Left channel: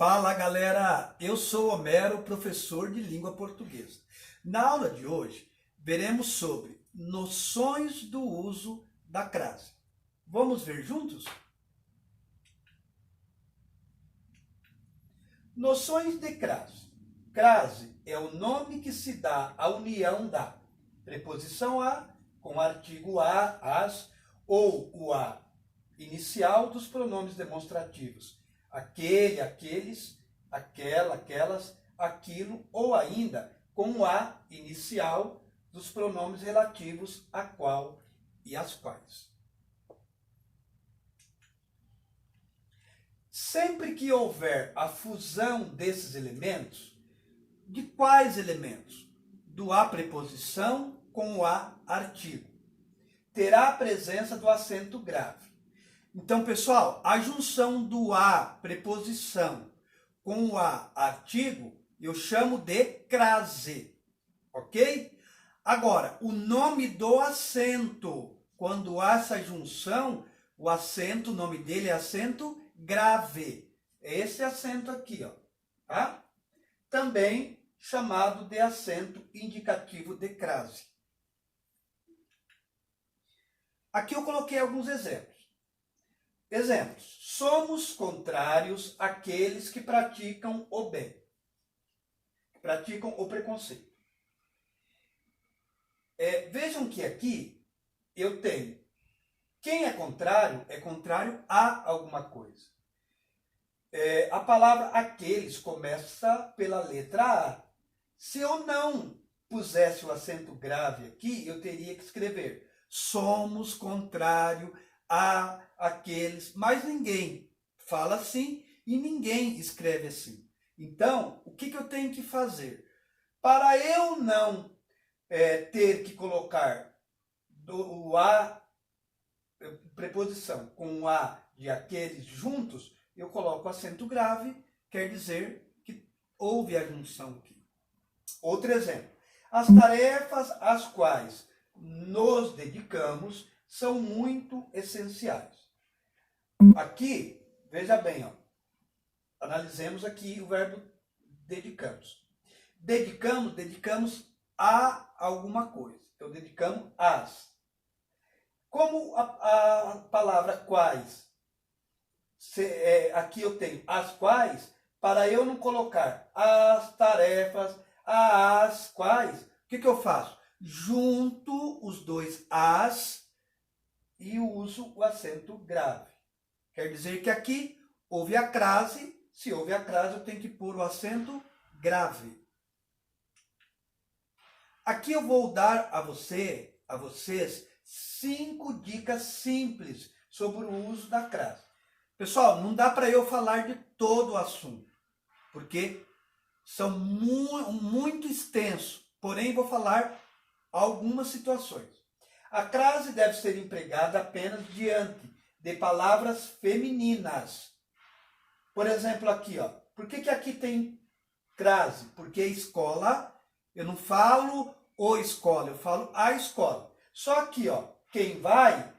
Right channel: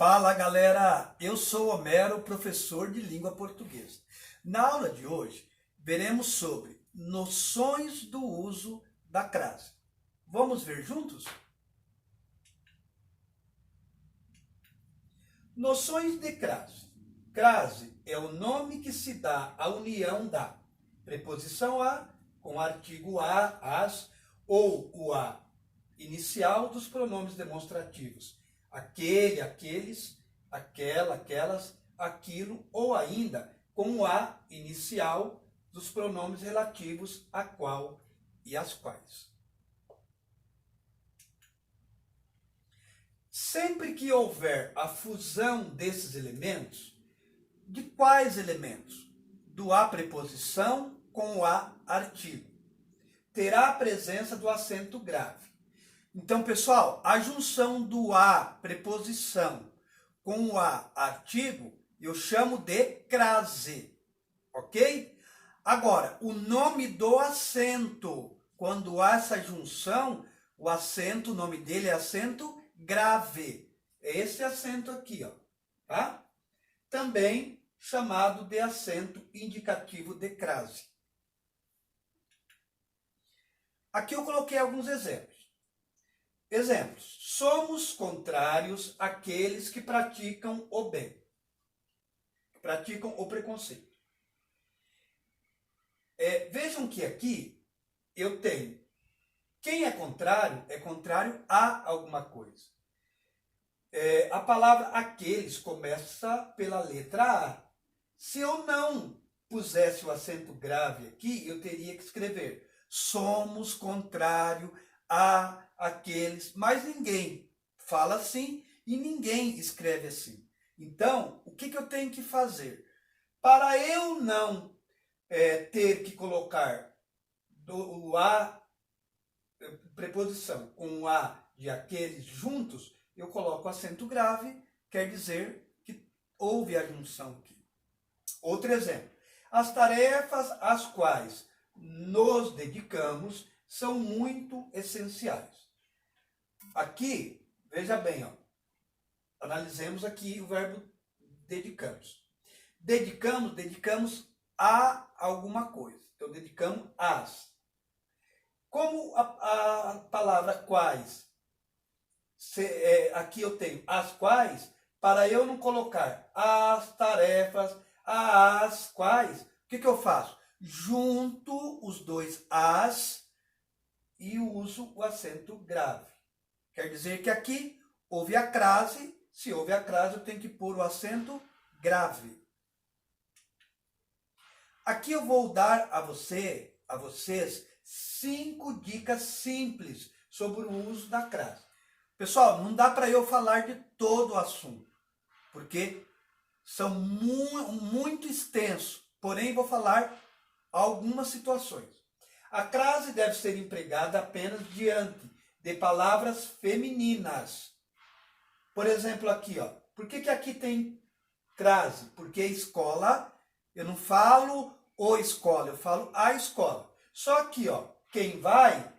Fala galera, eu sou Homero, professor de língua portuguesa. Na aula de hoje, veremos sobre noções do uso da crase. Vamos ver juntos? Noções de crase. Crase é o nome que se dá à união da preposição a com o artigo a, as, ou o a inicial dos pronomes demonstrativos. Aquele, aqueles, aquela, aquelas, aquilo, ou ainda com o a inicial dos pronomes relativos a qual e as quais. Sempre que houver a fusão desses elementos, de quais elementos? Do a preposição com o a artigo. Terá a presença do acento grave. Então, pessoal, a junção do a preposição com o a artigo, eu chamo de crase, ok? Agora, o nome do acento, quando há essa junção, o acento, o nome dele é acento grave. É esse acento aqui, ó, tá? Também chamado de acento indicativo de crase. Aqui eu coloquei alguns exemplos. Exemplos. Somos contrários àqueles que praticam o bem, que praticam o preconceito. Vejam que aqui eu tenho quem é contrário a alguma coisa. A palavra aqueles começa pela letra A. Se eu não pusesse o acento grave aqui, eu teria que escrever somos contrário a aqueles, mas ninguém fala assim e ninguém escreve assim. Então, o que eu tenho que fazer? Para eu não ter que colocar o a preposição com o a de aqueles juntos, eu coloco acento grave, quer dizer que houve a junção aqui. Outro exemplo. As tarefas às quais nos dedicamos são muito essenciais. Aqui, veja bem, ó, analisemos aqui o verbo dedicamos. Dedicamos a alguma coisa. Então, dedicamos às. Como a palavra quais, aqui eu tenho as quais, para eu não colocar as tarefas, as quais, o que eu faço? Junto os dois as e uso o acento grave. Quer dizer que aqui houve a crase, se houve a crase eu tenho que pôr o acento grave. Aqui eu vou dar a vocês 5 dicas simples sobre o uso da crase. Pessoal, não dá para eu falar de todo o assunto, porque são muito extensos, porém vou falar algumas situações. A crase deve ser empregada apenas diante de palavras femininas. Por exemplo, aqui, ó. Por que aqui tem crase? Porque escola, eu não falo o escola, eu falo a escola. Só que, ó, quem vai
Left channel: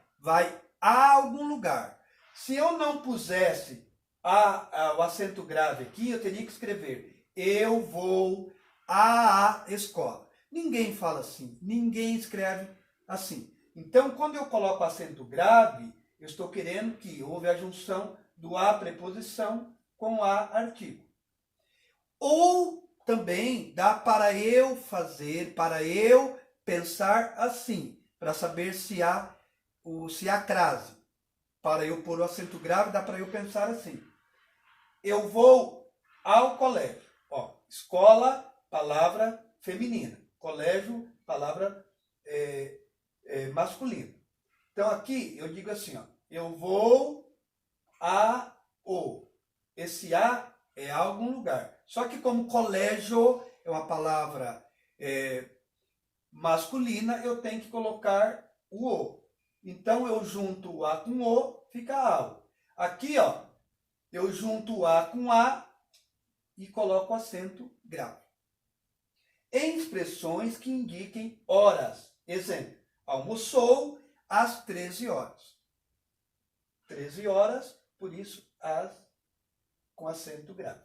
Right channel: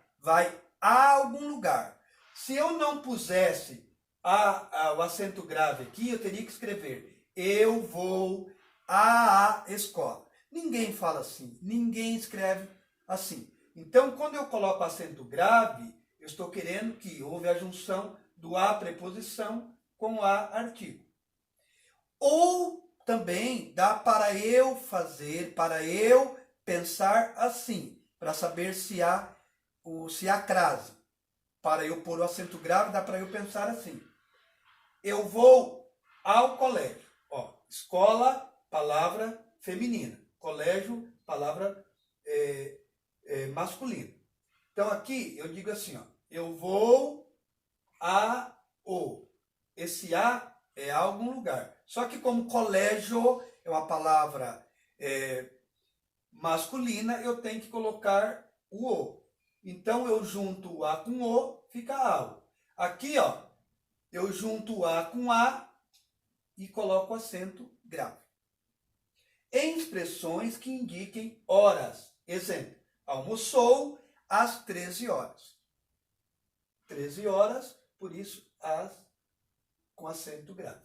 a algum lugar. Se eu não pusesse o acento grave aqui, eu teria que escrever eu vou à escola. Ninguém fala assim, ninguém escreve assim. Então, quando eu coloco acento grave, eu estou querendo que houve a junção do a preposição com o a artigo. Ou também dá para eu fazer, para eu pensar assim, para saber se há crase. Para eu pôr o acento grave, dá para eu pensar assim. Eu vou ao colégio. Ó, escola, palavra feminina. Colégio, palavra masculina. Então aqui eu digo assim, ó, eu vou esse a é a algum lugar. Só que como colégio é uma palavra masculina, eu tenho que colocar o. Então eu junto o a com o, fica ao. Aqui, ó, eu junto o a com a e coloco acento grave. Em expressões que indiquem horas. Exemplo, almoçou às 13 horas. 13 horas, por isso, as com acento grave.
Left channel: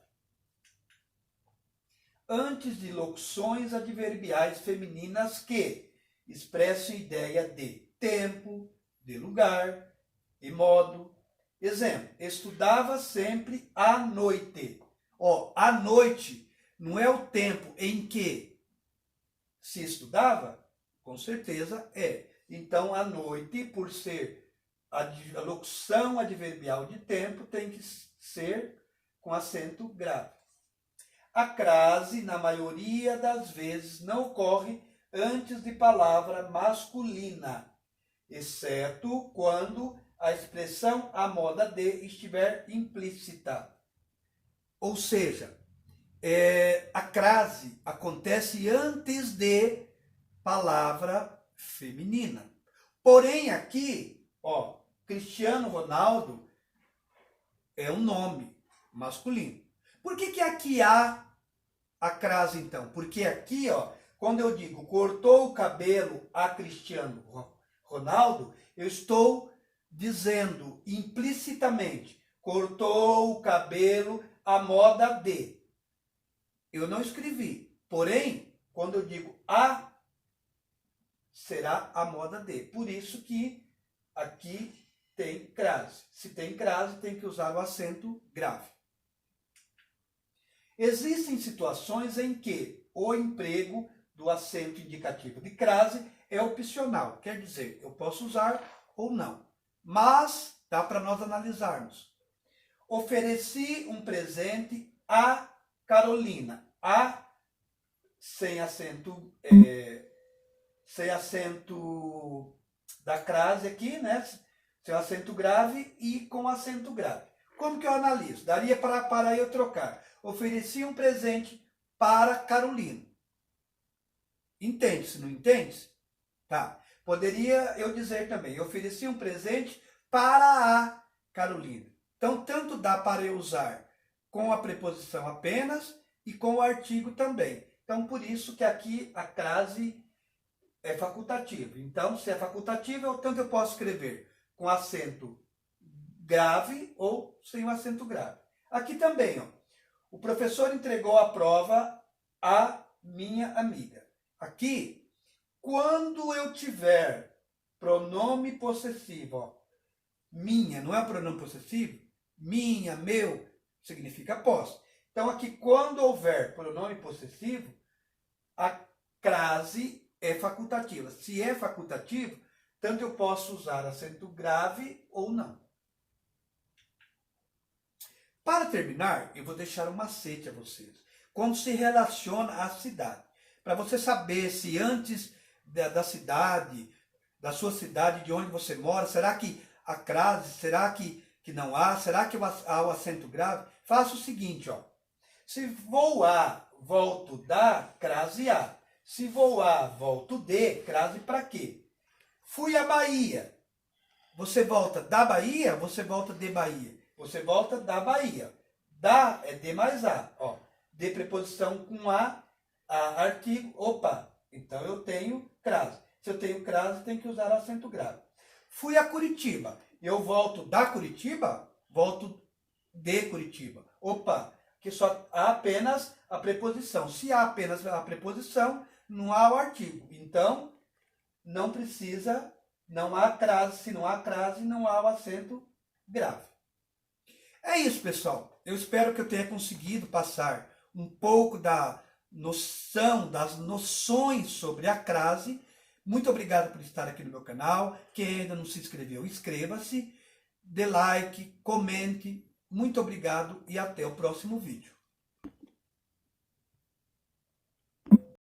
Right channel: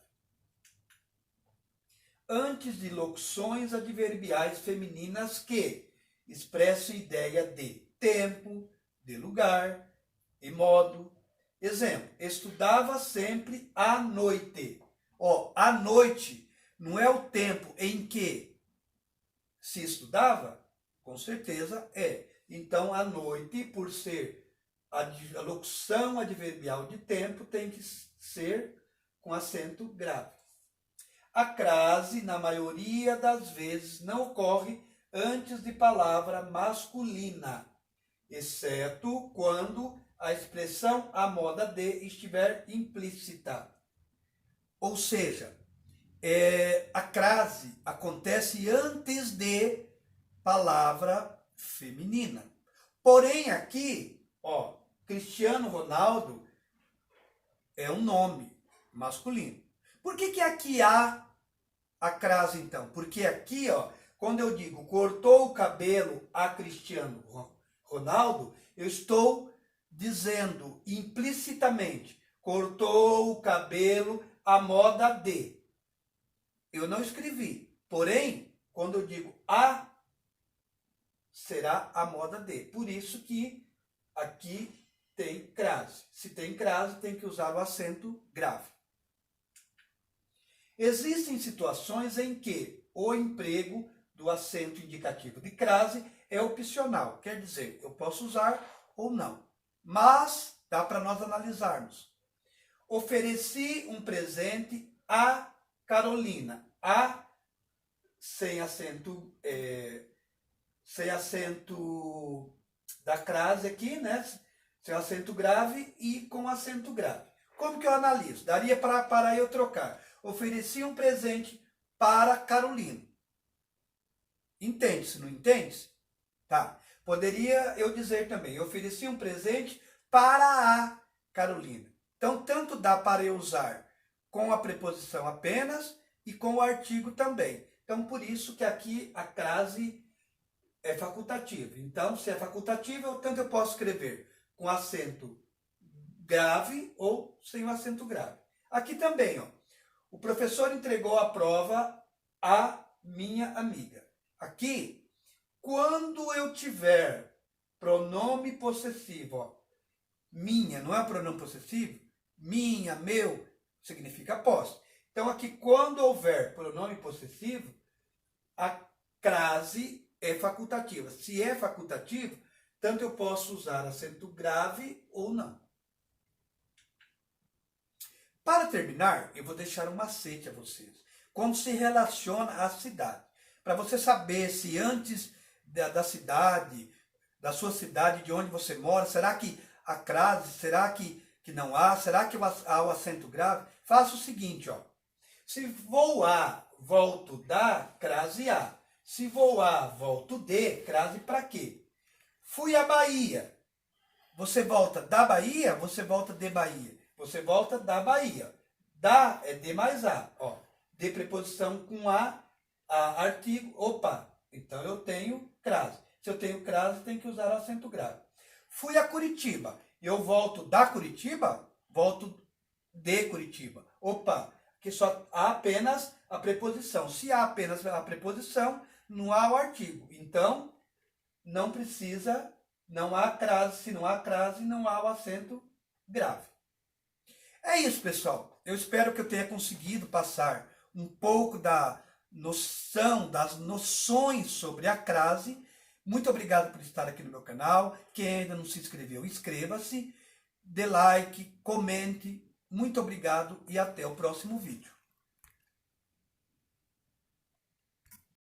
antes de locuções adverbiais femininas que expressam ideia de tempo, de lugar e modo. Exemplo, estudava sempre à noite. Ó, à noite não é o tempo em que se estudava? Com certeza é. Então, à noite, por ser a locução adverbial de tempo, tem que ser com acento grave. A crase, na maioria das vezes, não ocorre antes de palavra masculina, exceto quando a expressão a moda de estiver implícita. Ou seja, a crase acontece antes de palavra feminina. Porém, aqui, ó, Cristiano Ronaldo é um nome masculino. Por que aqui há a crase, então? Porque aqui, ó, quando eu digo cortou o cabelo a Cristiano Ronaldo, eu estou dizendo implicitamente cortou o cabelo à moda de. Eu não escrevi. Porém, quando eu digo a, será a moda de. Por isso que aqui tem crase. Se tem crase, tem que usar o acento grave. Existem situações em que o emprego do acento indicativo de crase é opcional. Quer dizer, eu posso usar ou não. Mas dá para nós analisarmos. Ofereci um presente a Carolina. A sem acento da crase aqui, né? Sem acento grave e com acento grave. Como que eu analiso? Daria para eu trocar. Ofereci um presente para Carolina. Entende-se, não entende-se? Tá. Poderia eu dizer também, ofereci um presente para a Carolina. Então, tanto dá para eu usar com a preposição apenas e com o artigo também. Então, por isso que aqui a crase é facultativa. Então, se é facultativa, tanto eu posso escrever com acento grave ou sem o acento grave. Aqui também, ó. O professor entregou a prova à minha amiga. Aqui, quando eu tiver pronome possessivo, ó, minha, não é pronome possessivo? Minha, meu, significa posse. Então, aqui, quando houver pronome possessivo, a crase é facultativa. Se é facultativo, tanto eu posso usar acento grave ou não. Para terminar, eu vou deixar um macete a vocês. Como se relaciona a cidade. Para você saber se antes da cidade, da sua cidade, de onde você mora, será que a crase, será que não há? Será que há o acento grave? Faça o seguinte, ó. Se vou a, volto da, crase a. Se vou a, volto de, crase para quê? Fui à Bahia. Você volta da Bahia, você volta de Bahia. Você volta da Bahia. Da é de mais a. Ó. De preposição com a artigo. Opa, então eu tenho crase. Se eu tenho crase, tem que usar acento grave. Fui a Curitiba. Eu volto da Curitiba, volto de Curitiba. Opa, que só há apenas a preposição. Se há apenas a preposição, não há o artigo. Então, não precisa, não há crase. Se não há crase, não há o acento grave. É isso, pessoal. Eu espero que eu tenha conseguido passar um pouco da noção, das noções sobre a crase. Muito obrigado por estar aqui no meu canal. Quem ainda não se inscreveu, inscreva-se, dê like, comente. Muito obrigado e até o próximo vídeo.